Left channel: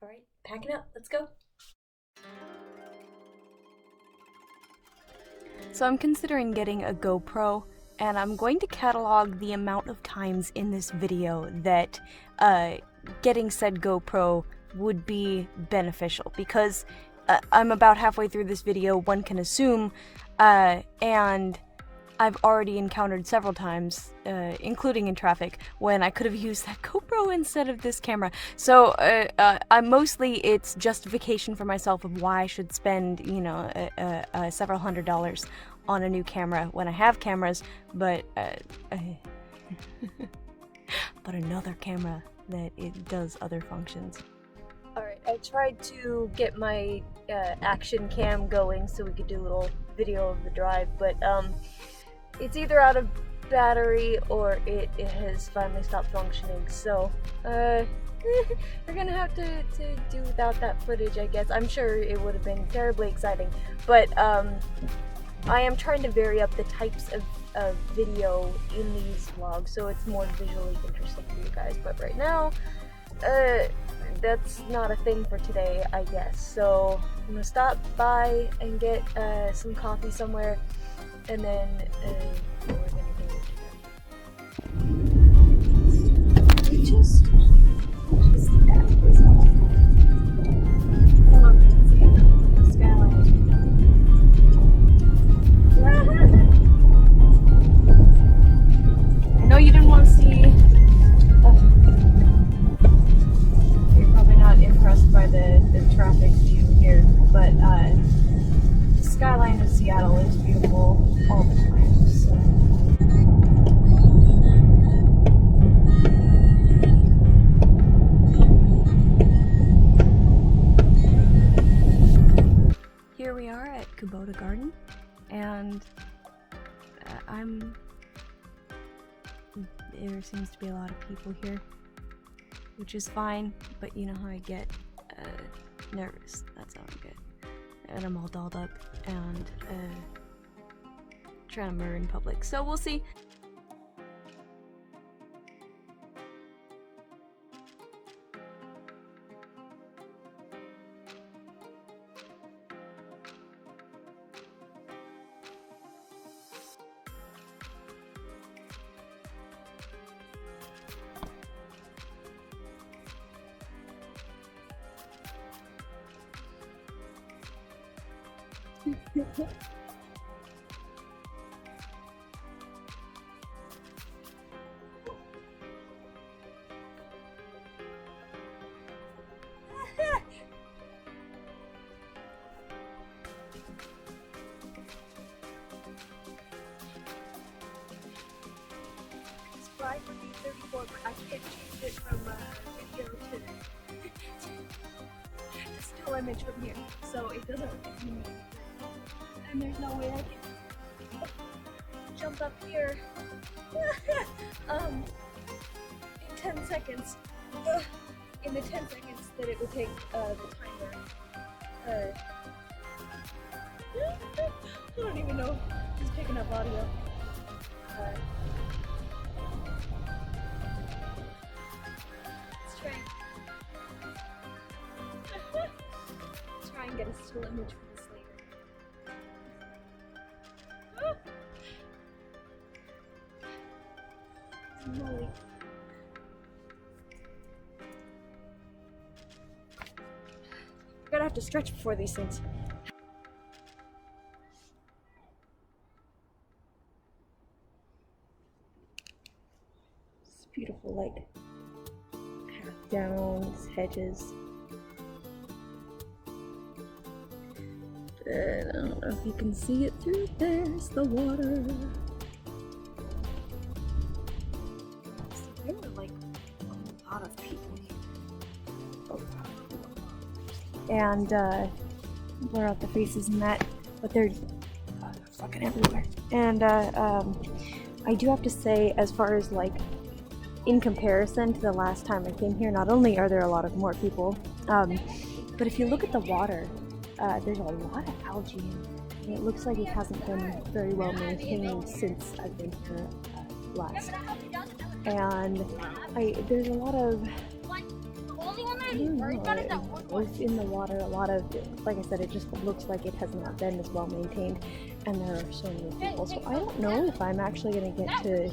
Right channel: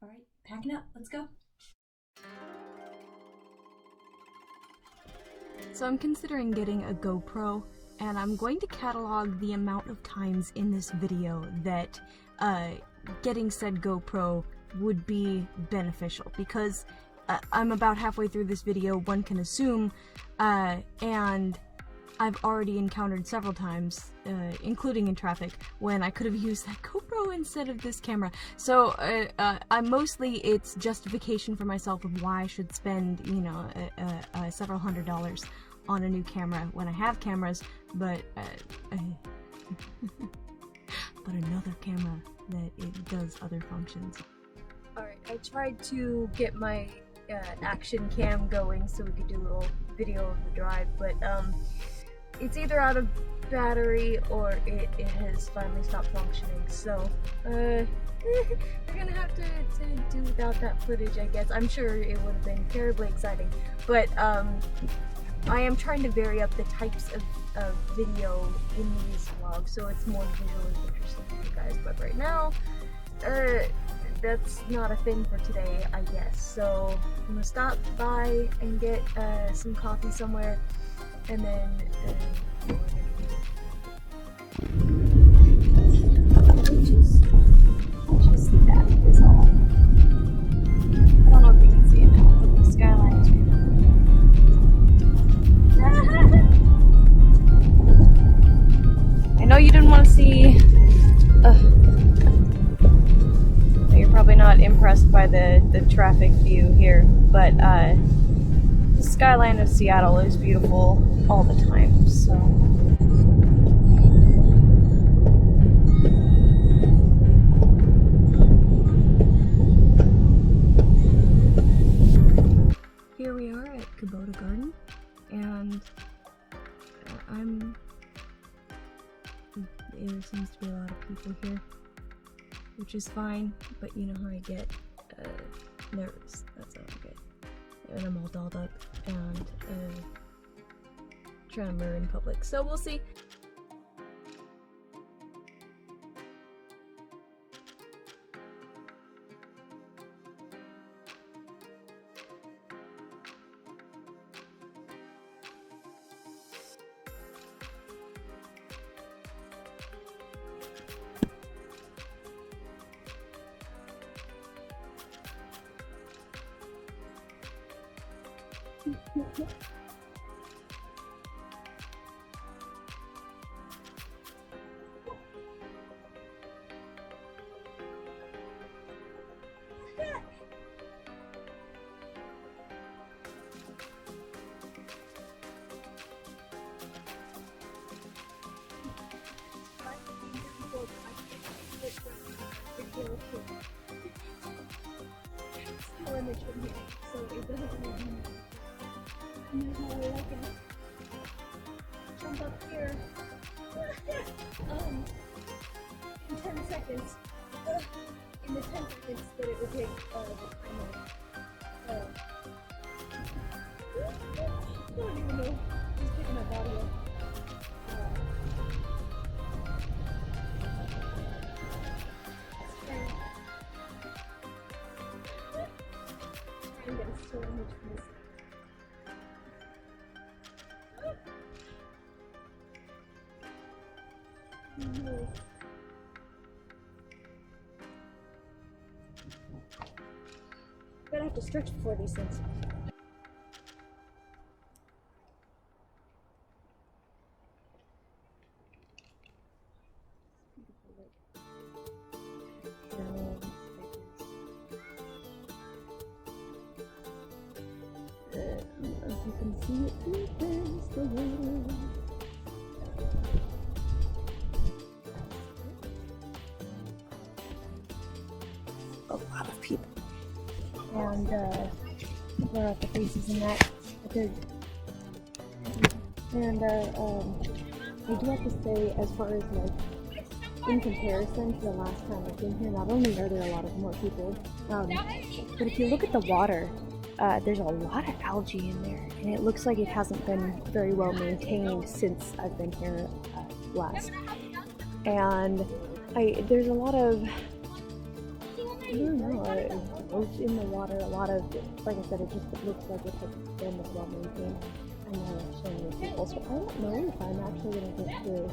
Alright, packing up, let's go. So I'm considering getting a GoPro, and I'm going to catalog the amount of times in this video that getting said GoPro would be beneficial, because I'm about halfway through this video, one can assume, and I've already encountered several times, including in traffic, when I could have used that GoPro instead of this camera. So it's justification for myself of why I should spend, you know, several $100s on a new camera when I have cameras, but but another camera that it does other functions. Alright, I tried to get my action cam going so we could do a little video of the drive, but it's either out of battery or it has finally stopped functioning, so we're gonna have to do without that footage, I guess. I'm sure it would have been terribly exciting, but I am trying to vary up the types of video in these vlogs so it's more visually interesting for you guys, but right now that's not a thing for today, I guess. So I'm gonna stop by and get some coffee somewhere, and then we're gonna just see that is all. I don't know if you can see it now, but the skyline. I know you didn't want to see. You're probably not impressed by the traffic view here, but the skyline of Seattle is beautiful all the time, so. Here we are at Kubota Garden, and there seems to be a lot of people here, which is fine, but you know how I get nervous. That's how I get. And I'm all dolled up and trying to murder in public, so we'll see. I can't change it from video to still image from here, so it doesn't really mean anything. And there's no way I can jump up here in 10 seconds. In the 10 seconds that it would take the timer. I don't even know who's picking up audio. Try and get a still image from this lake. Holy. We're gonna have to stretch before these things. It's beautiful, like downs, hedges. I don't know if you can see it through this, the water. It's really like a lot of people. A lot of people. And blur out the faces and that, but they're fucking everywhere. And I do have to say, as far as like in comparison to the last time I came here, not only are there a lot of more people, but if you look at the water, there's a lot of algae in there, and it looks like it hasn't been very well maintained since I've been here last. And there's a lot of I don't know, it was in the water. A lot of, like I said, it just looks like it has not been as well maintained, and there are so many people. So I don't know if I'm actually going to get to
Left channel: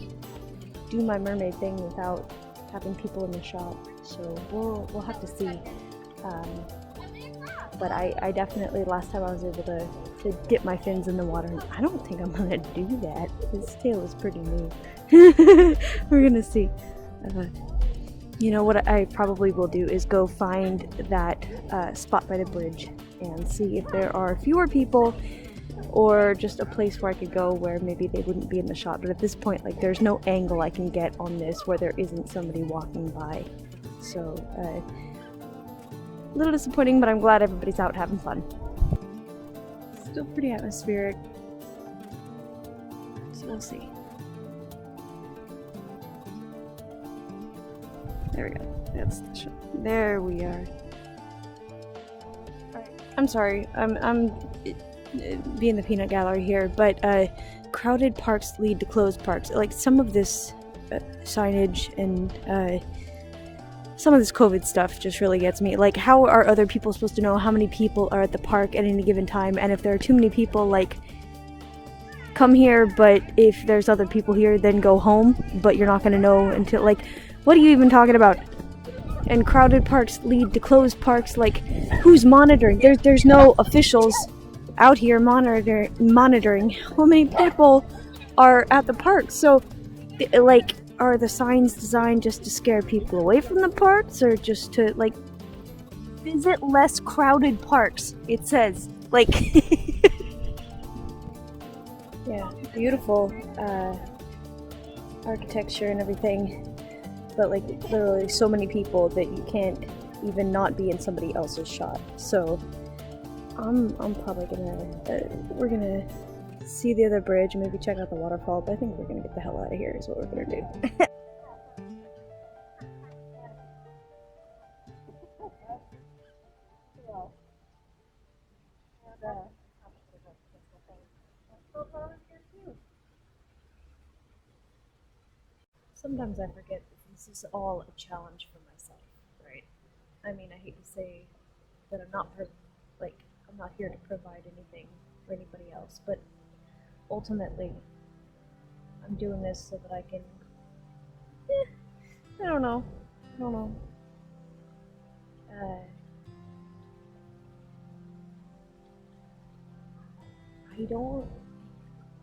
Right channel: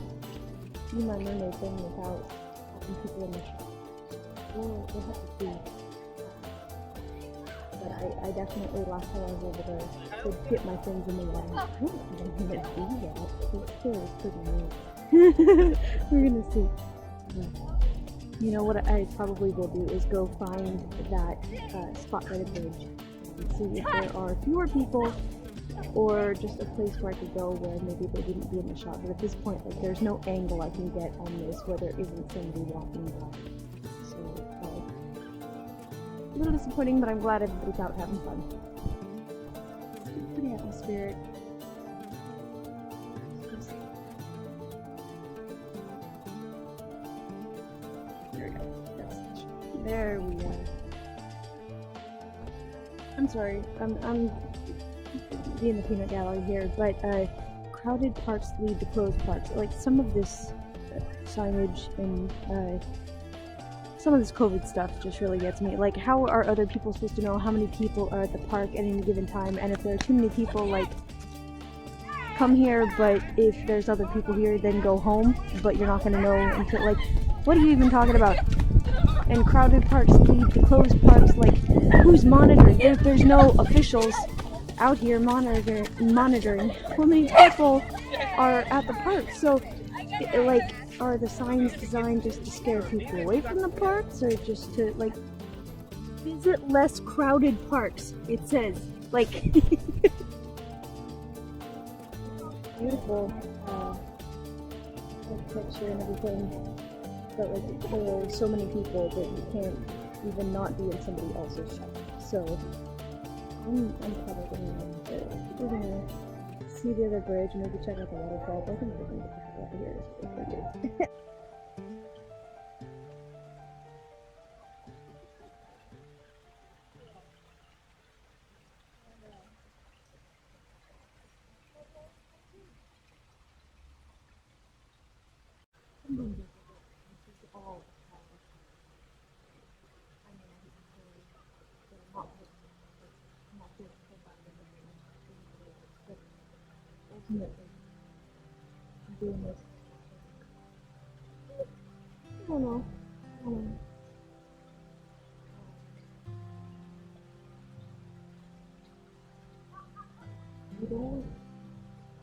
do my mermaid thing without having people in the shop. So we'll have to see. But I definitely, last time I was able to dip my fins in the water, I don't think I'm going to do that. His tail is pretty new. We're going to see. You know what I probably will do is go find that spotlighted bridge and see if there are fewer people or just a place where I could go where maybe they wouldn't be in the shot. But at this point, like, there's no angle I can get on this where there isn't somebody walking by. So, a little disappointing, but I'm glad everybody's out having fun. Still pretty atmospheric. So we'll see. There we go. That's the shot. There we are. I'm sorry. I'm being the peanut gallery here, but crowded parks lead to closed parks. Like, some of this signage and some of this COVID stuff just really gets me. Like, how are other people supposed to know how many people are at the park at any given time? And if there are too many people, like, come here, but if there's other people here, then go home. But you're not going to know until, like, what are you even talking about? And crowded parks lead to closed parks. Like, who's monitoring? There's no officials out here monitoring how many people are at the park. So, like, are the signs designed just to scare people away from the parks, or just to, like, visit less crowded parks? It says, like, yeah, beautiful architecture and everything. But, like, literally so many people that you can't even not be in somebody else's shot. So I'm probably we're gonna see the other bridge and maybe check out the waterfall, but I think we're gonna get the hell out of here is what we're gonna do. Sometimes I forget that this is all a challenge for myself, right? I mean, I hate to say that I'm not here to provide anything for anybody else, but ultimately, I'm doing this so that I can. I don't know.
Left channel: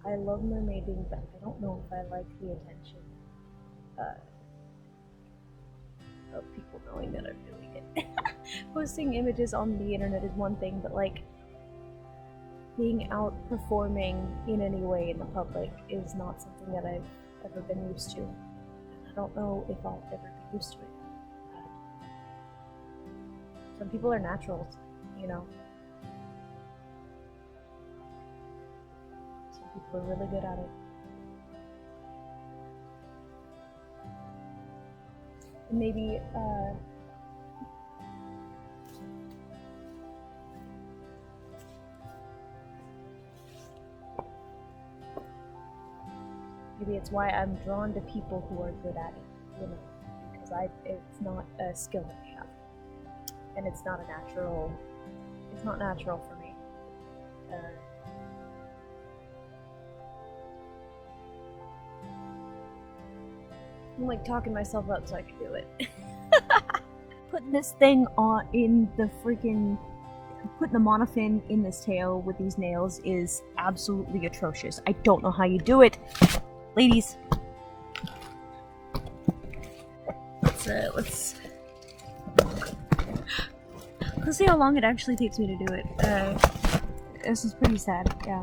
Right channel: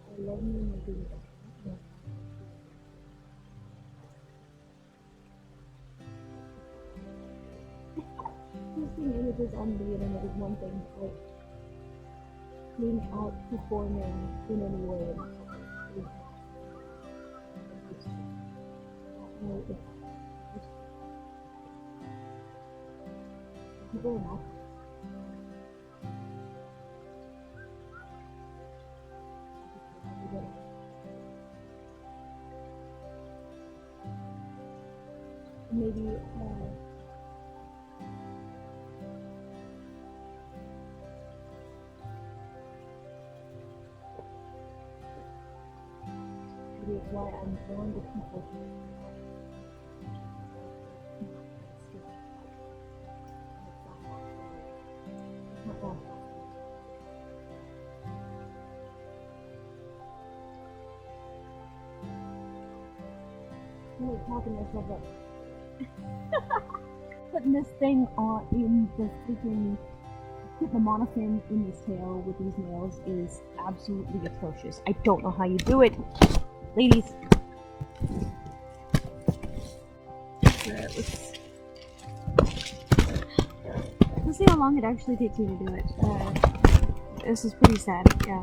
I love mermaiding, but I don't know if I like the attention of people knowing that I'm doing it. Posting images on the internet is one thing, but, like, being out performing in any way in the public is not something that I've ever been used to. I don't know if I'll ever be used to it. Some people are naturals, you know. Some people are really good at it. And maybe, maybe it's why I'm drawn to people who are good at it, you know, because it's not a skill I have, and it's not natural for me. I'm, like, talking myself up so I can do it. Putting this thing on in the freaking... Putting the monofin in this tail with these nails is absolutely atrocious. I don't know how you do it. Ladies. Let's see how long it actually takes me to do it. This is pretty sad, yeah.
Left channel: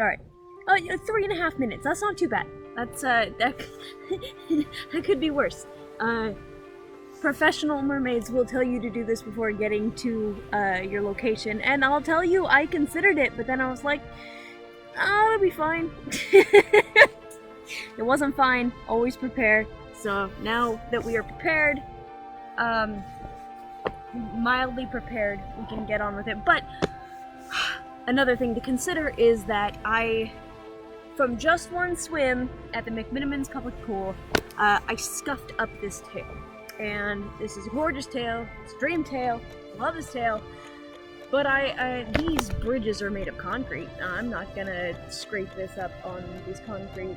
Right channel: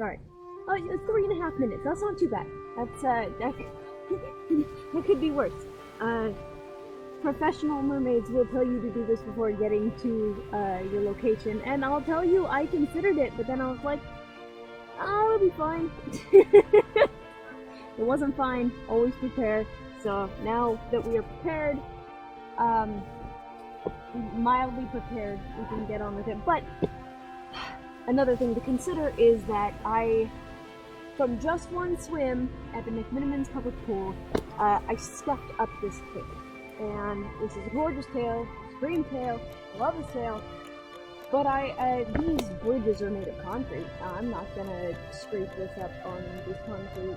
Alright. Oh, 3.5 minutes. That's not too bad. That's, that could be worse. professional mermaids will tell you to do this before getting to your location, and I'll tell you, I considered it, but then I was like, oh, it'll be fine. It wasn't fine. Always prepare. So now that we are prepared, mildly prepared, we can get on with it. But another thing to consider is that from just one swim at the McMinimans public pool, I scuffed up this tail. And this is a gorgeous tail, it's a dream tail, love this tail, but these bridges are made of concrete. I'm not gonna scrape this up on this concrete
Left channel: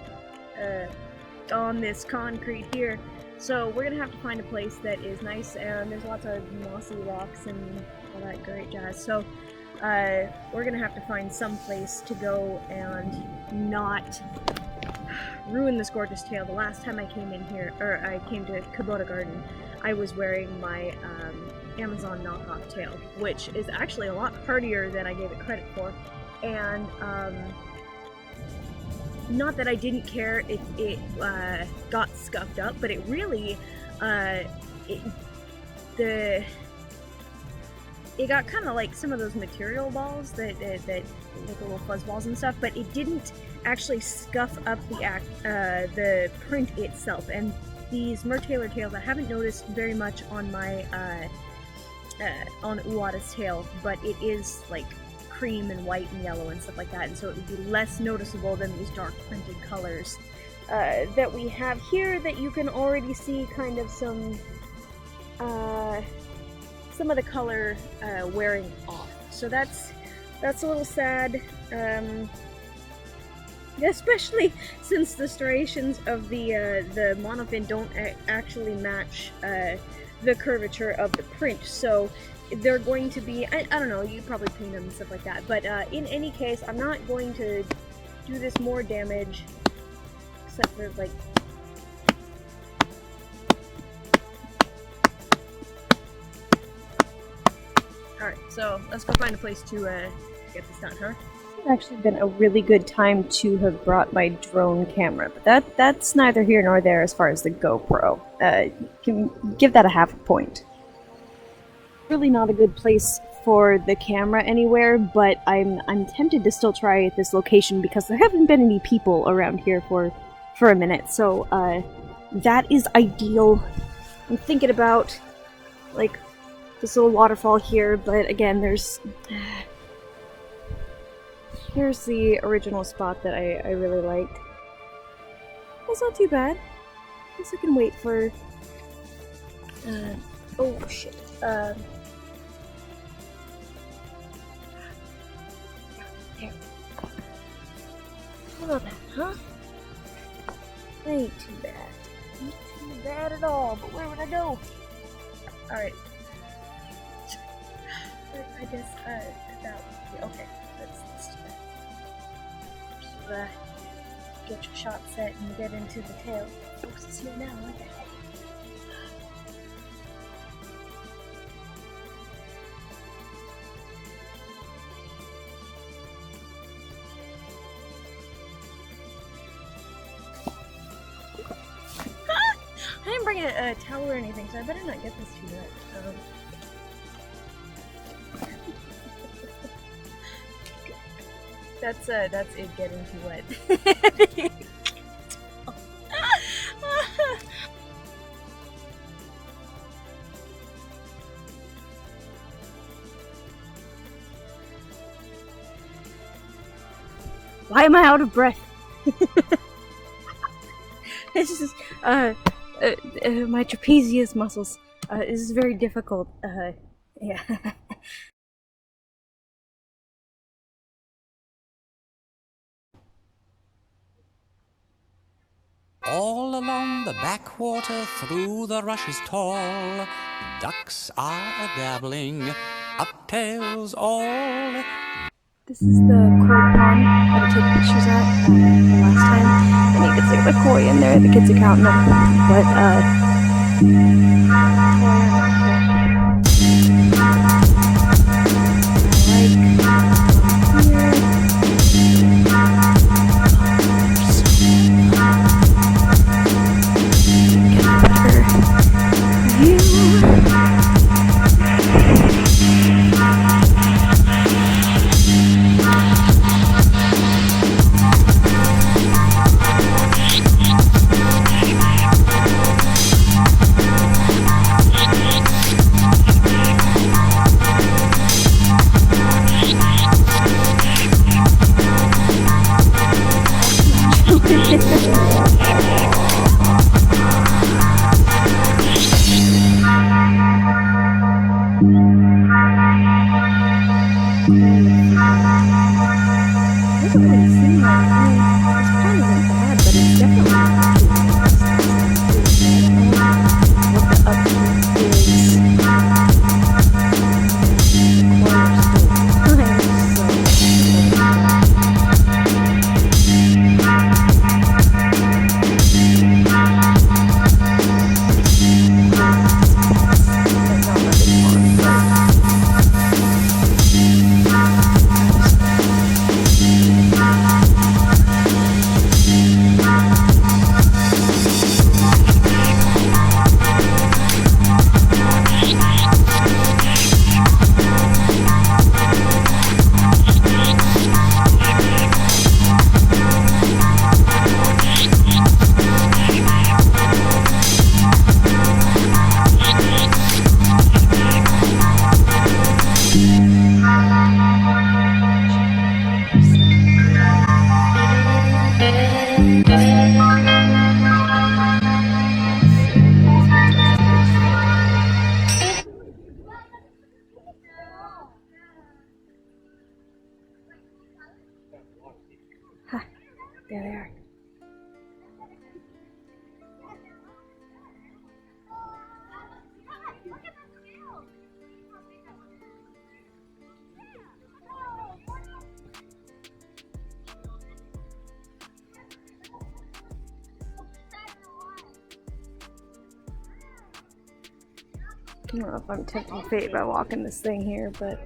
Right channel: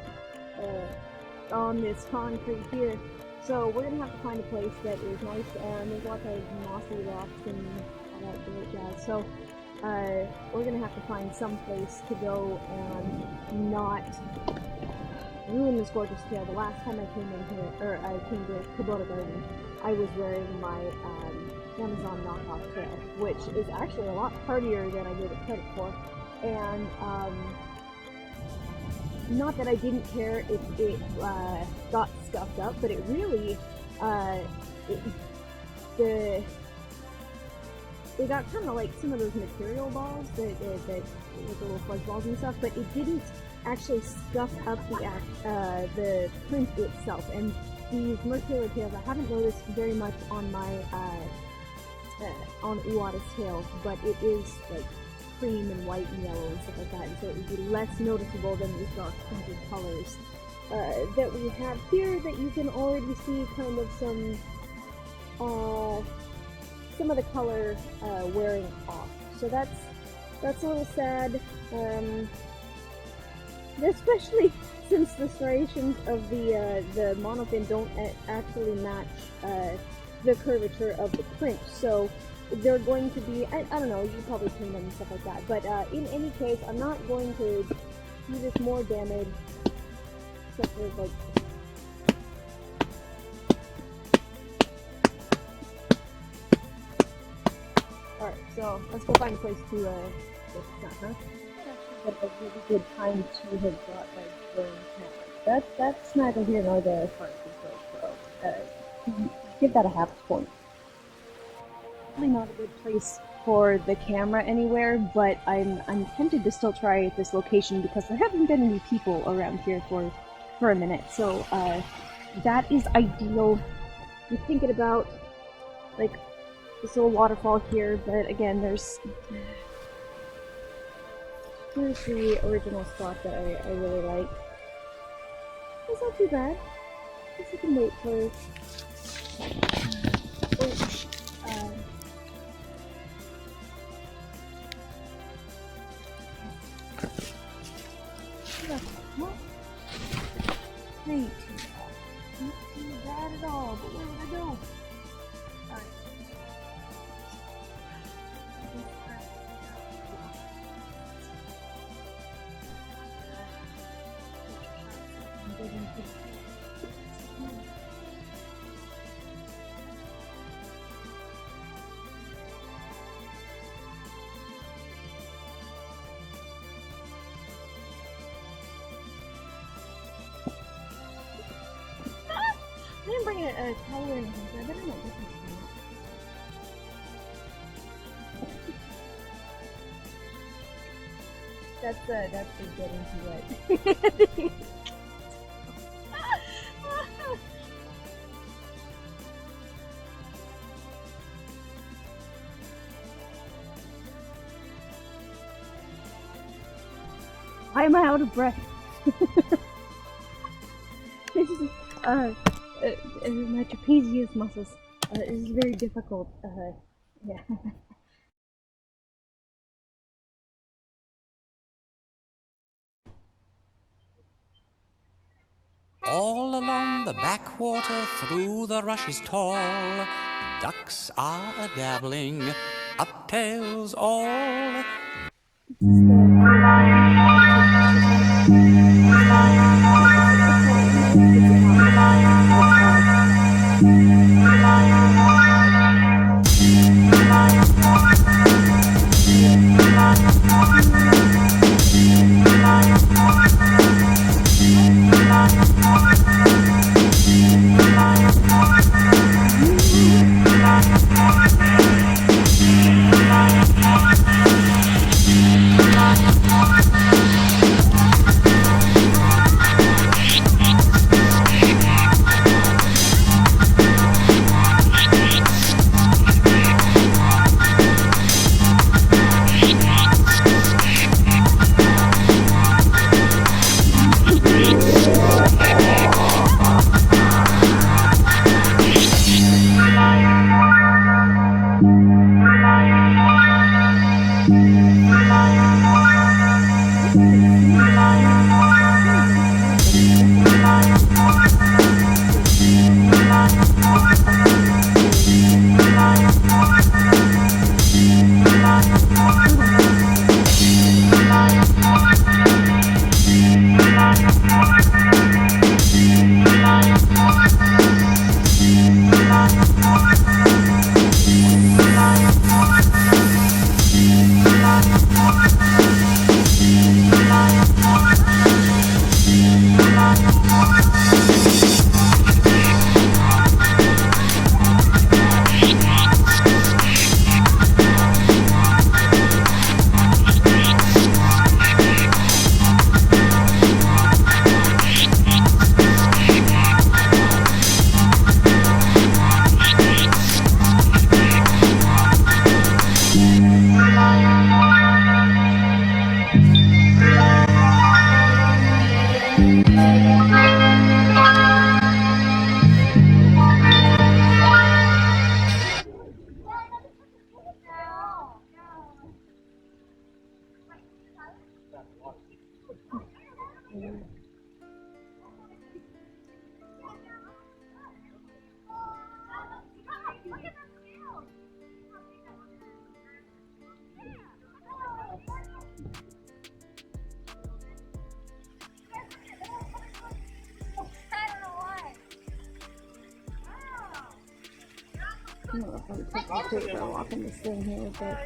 here. So we're gonna have to find a place that is nice, and there's lots of mossy rocks and all that great jazz. So we're gonna have to find some place to go and not ruin this gorgeous tail. The last time I came in here, or I came to Kubota Garden, I was wearing my Amazon knockoff tail, which is actually a lot hardier than I gave it credit for. And not that I didn't care, it got scuffed up, but it really, it got kind of like some of those material balls that with the little fuzz balls and stuff, but it didn't actually scuff up the print itself. And these Mertailor tails, I haven't noticed very much on my on Uwata's tail, but it is like cream and white and yellow and stuff like that, and so it would be less noticeable than these dark printed colors that we have here, that you can already see kind of some of the color wearing off. So that's a little sad, especially since the striations of the monofin don't actually match the curvature of the print. So they're going to be, I don't know, you probably paint them and stuff like that, but in any case, I'm not going to do this more damage, except for like, alright, so let's go find a place to get this done, huh? It's actually been a really good time to have brought my drone camera, but that's neither here nor there as far as the GoPro. Can give that a half a point. Really not a good place for the camera anywhere, but I'm tempted to still try at this location because there haven't been any people around here for a minute, so that is ideal. I'm thinking about like this little waterfall here, but again, here's the original spot that I really like. It's not too bad. I guess I can wait for oh shit. There. How about that, huh? Ain't too bad. Ain't too bad at all, but where would I go? Alright. I guess, that would be okay. Let's get your shot set and get into the tail. Folks, it's here now. I didn't bring a towel or anything, so I better not get this too wet. So. That's it getting too wet. Why am I out of breath? This is my trapezius muscles. This is very difficult. Yeah. All along the backwater, through the rushes tall, ducks are a-dabbling, uptails all. This is the koi pond that I took pictures of last time. I think it's like a koi in there, the kids' account and everything, but Ha, there they are. I don't know if I'm tempting fate by walking this thing here, but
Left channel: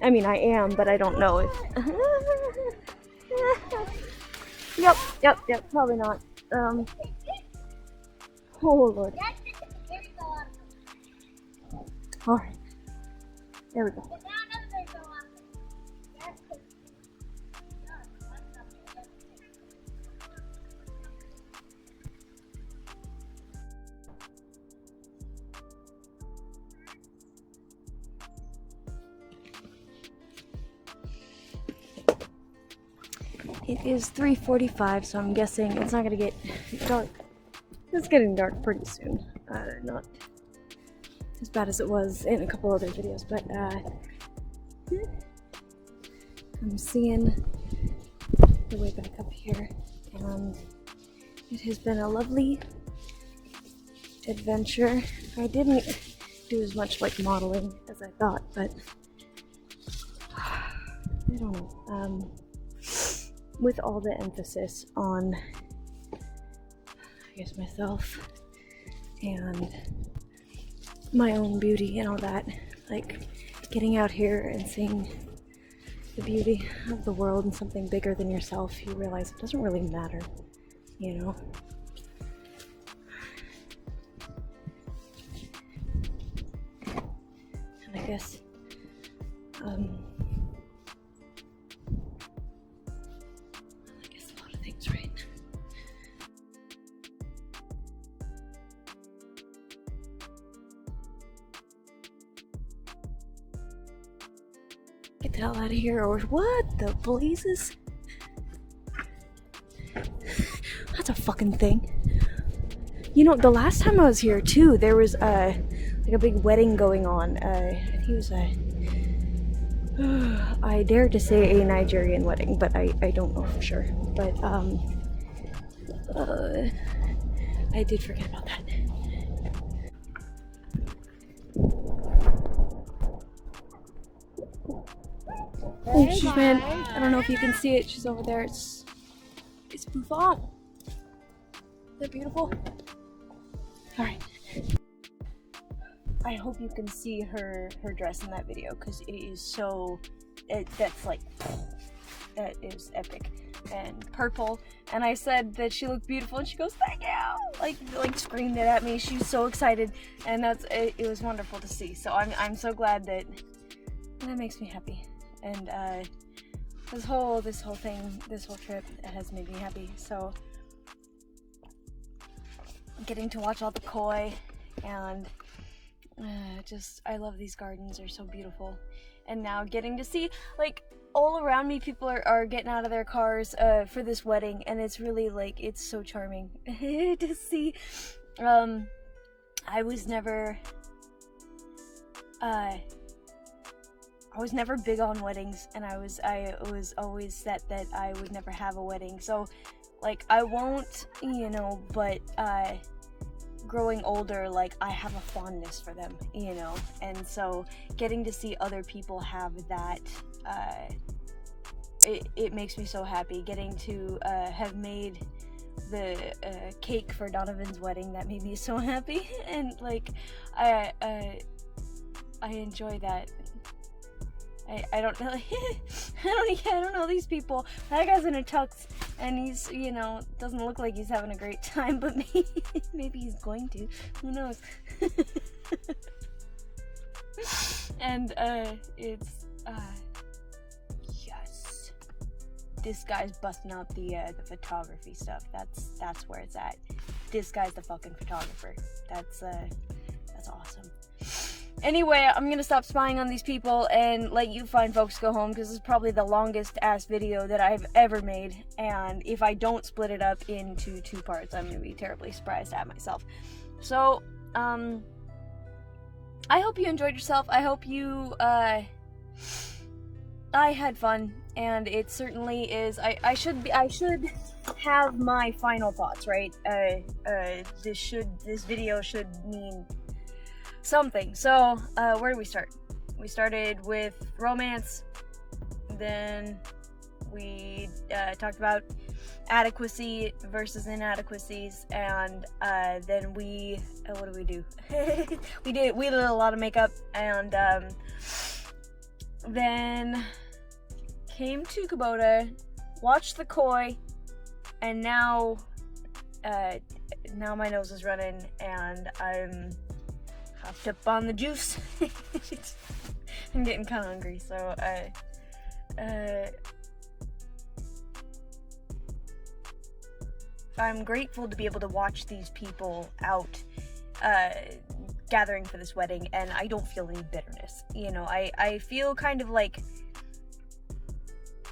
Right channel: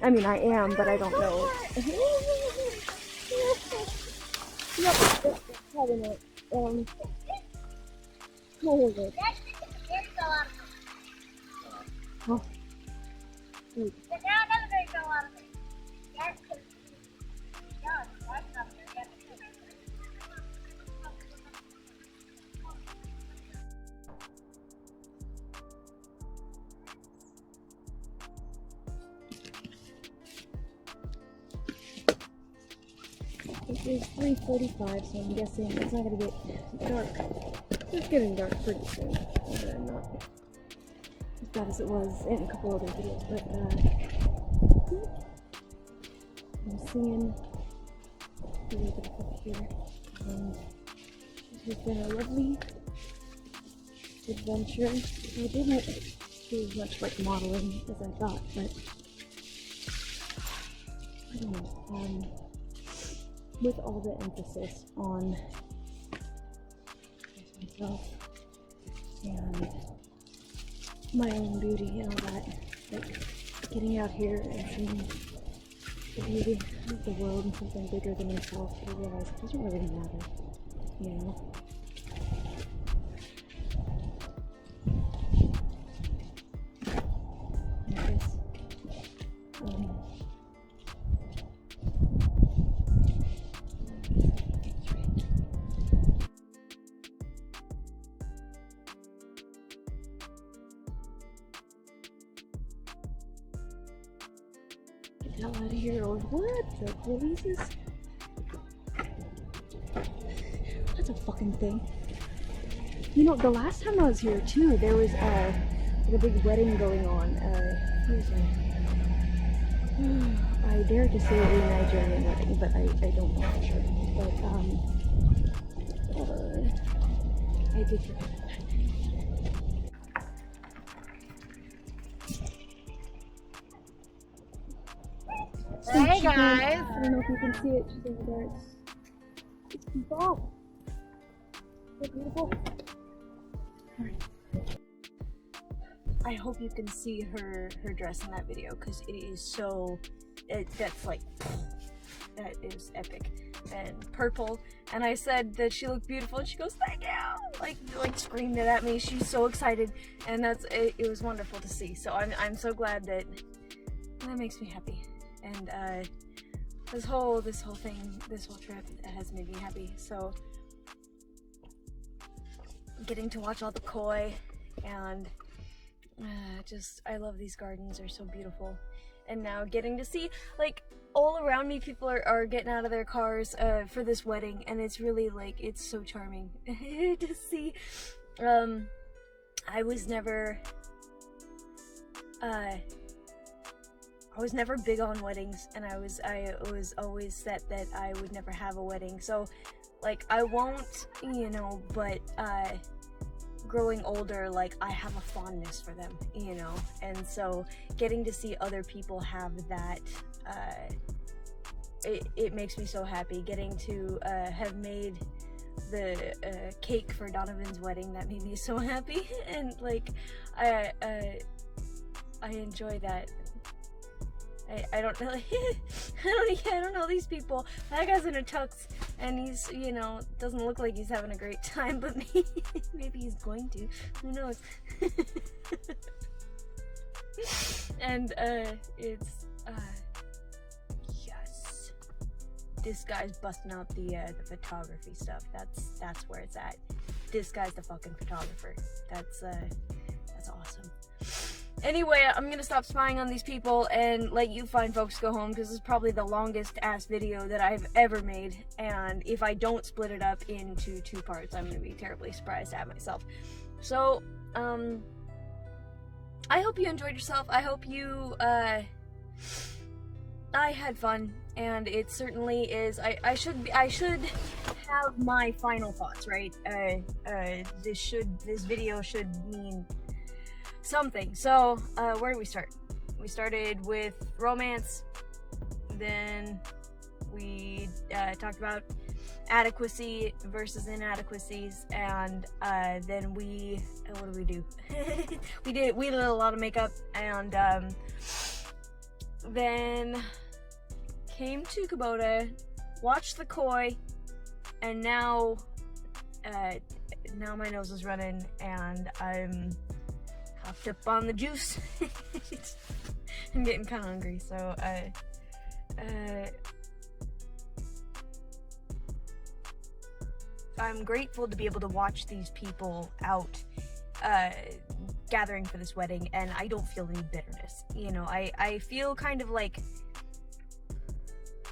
I mean, I am, but I don't know it. Yep, probably not. Oh Lord. Alright. There we go. It is 3:45, so I'm guessing it's not gonna get dark. It's getting dark pretty soon. Not as bad as it was in a couple other videos, but I'm seeing the way back up here. It has been a lovely adventure. I didn't do as much like modeling as I thought, but I don't know. With all the emphasis on, I guess, myself and my own beauty and all that, like getting out here and seeing the beauty of the world and something bigger than yourself, you realize it doesn't really matter, you know? And I guess, a lot of things, right? Get the hell out of here, or what? The blazes? That's a fucking thing. You know, the last time I was here too, there was like a big wedding going on. I think it was I dare to say a Nigerian wedding, but I don't know for sure. But I did forget about that. Hey guys! I don't know if you can see it. She's over there. It's Buffon. Is that beautiful? All right. I hope you can see her dress in that video, because it is so. That's like, that is epic. And purple. And I said that she looked beautiful, and she goes, "Thank you!" Like screamed it at me. She's so excited, and it was wonderful to see. So I'm so glad that makes me happy. And this whole trip has made me happy. So getting to watch all the koi, and I love these gardens. They're so beautiful. And now getting to see, like, all around me, people are getting out of their cars for this wedding, and it's really, like, it's so charming to see. I was never big on weddings, and I was always set that I would never have a wedding. So, like, I won't, you know, but growing older, like, I have a fondness for them, you know, and so getting to see other people have that, it makes me so happy. Getting to have made the cake for Donovan's wedding, that made me so happy. And like, I enjoy that. I don't know. I don't know these people. That guy's in a tux, and he's, you know, doesn't look like he's having a great time, but maybe he's going to. Who knows? And it's yes. This guy's busting out the photography stuff. That's where it's at. This guy's the fucking photographer. That's awesome. Anyway, I'm gonna stop spying on these people and let you fine folks go home, because this is probably the longest ass video that I've ever made, and if I don't split it up into 2 parts, I'm gonna be terribly surprised at myself. So, I hope you enjoyed yourself. I hope you, I had fun, and it certainly is. I should have my final thoughts, right? This video should mean something. So, where do we start? We started with romance, then we talked about adequacy versus inadequacies, and then we what did we do? we did a lot of makeup, and then came to Kubota, watched the koi, and now my nose is running and I'm hopped up on the juice. I'm getting kind of hungry, so I'm grateful to be able to watch these people out gathering for this wedding, and I don't feel any bitterness. You know, I feel kind of like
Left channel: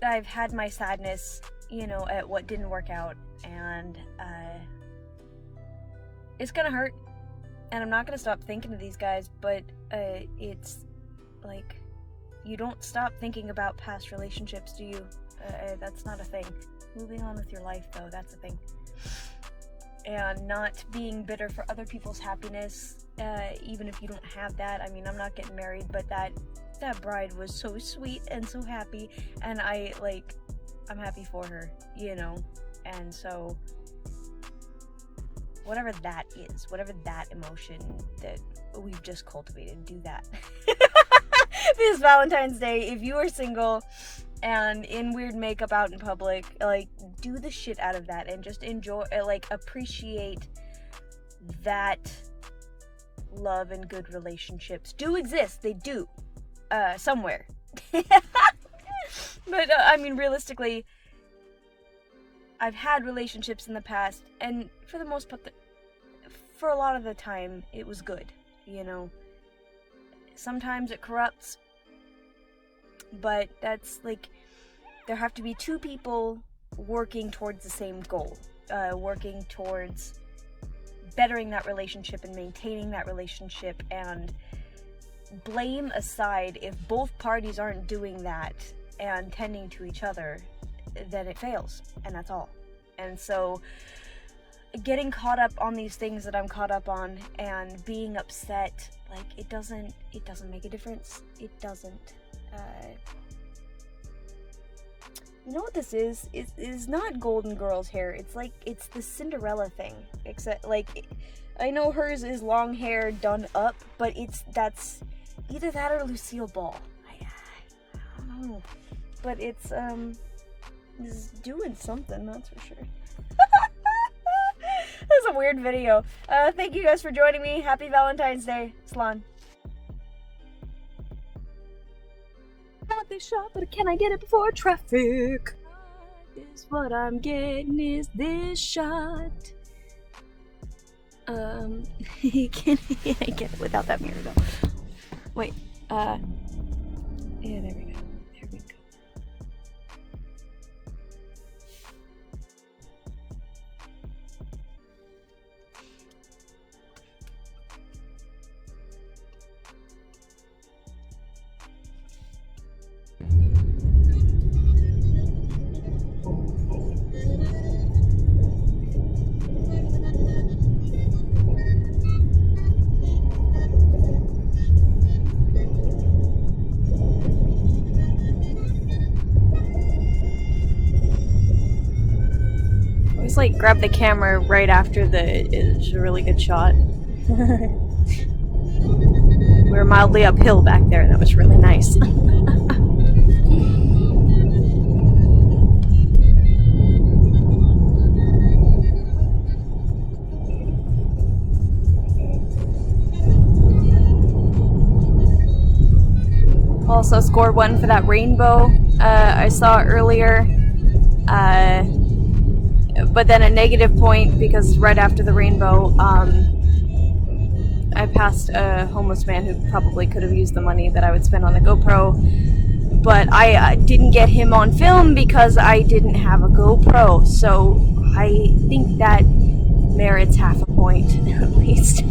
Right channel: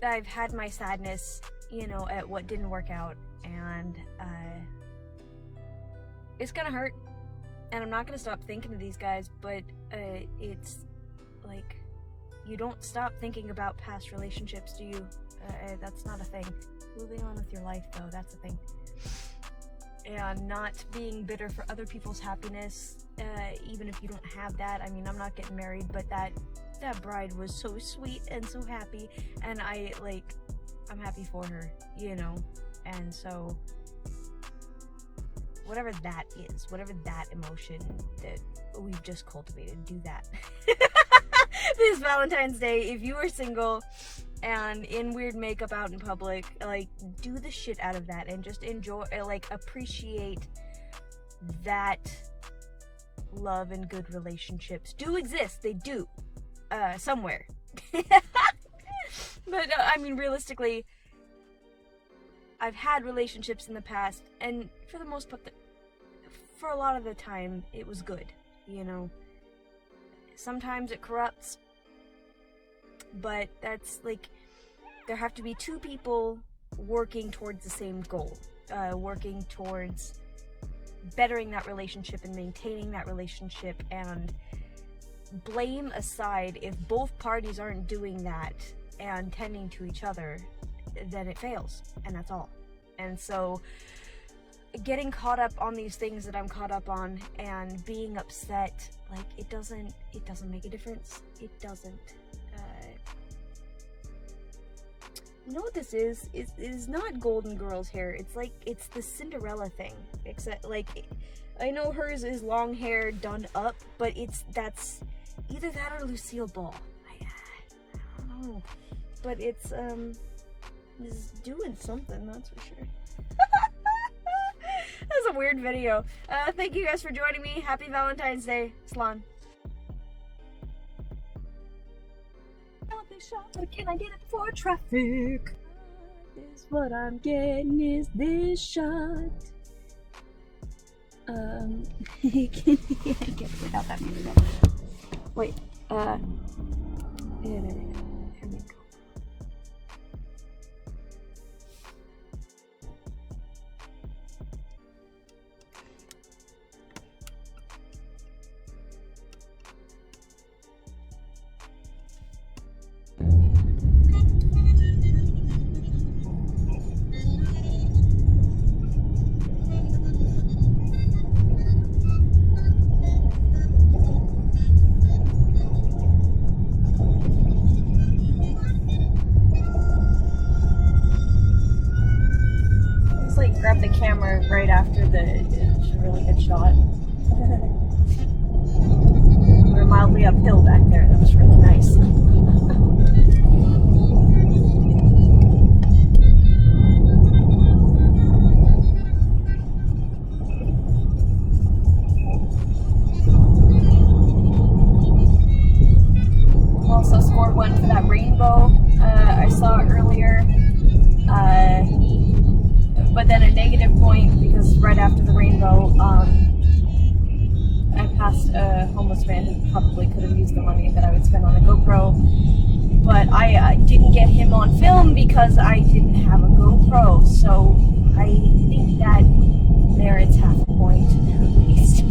I've had my sadness, you know, at what didn't work out, and it's gonna hurt, and I'm not gonna stop thinking of these guys, but it's like, you don't stop thinking about past relationships, do you? That's not a thing. Moving on with your life, though, that's a thing. And not being bitter for other people's happiness, even if you don't have that. I mean, I'm not getting married, but that bride was so sweet and so happy, and I'm happy for her, you know. And so whatever that is, whatever that emotion that we've just cultivated, do that. This Valentine's Day, if you are single and in weird makeup out in public, like, do the shit out of that and just enjoy, like, appreciate that love and good relationships do exist. They do, somewhere. But I mean, realistically, I've had relationships in the past, and for the most part, for a lot of the time, it was good, you know. Sometimes it corrupts, but that's like, there have to be two people working towards the same goal, working towards bettering that relationship and maintaining that relationship, and blame aside, if both parties aren't doing that and tending to each other, then it fails, and that's all. And so getting caught up on these things that I'm caught up on and being upset, like, it doesn't make a difference. It doesn't. You know what this is? It is not Golden Girl's hair. It's the Cinderella thing. Except, like, I know hers is long hair done up, but that's either that or Lucille Ball. I don't know. But it's doing something, that's for sure. That's a weird video. Thank you guys for joining me. Happy Valentine's Day. Slan. Not this shot, but can I get it before traffic? This what I'm getting is this shot. Can I get it without that mirror though? Wait, yeah, there we go. There we go. Like, grab the camera right after it's a really good shot. We were mildly uphill back there. That was really nice. Also scored one for that rainbow I saw earlier. But then a negative point because right after the rainbow, I passed a homeless man who probably could have used the money that I would spend on the GoPro, but I didn't get him on film because I didn't have a GoPro, so I think that merits half a point at least.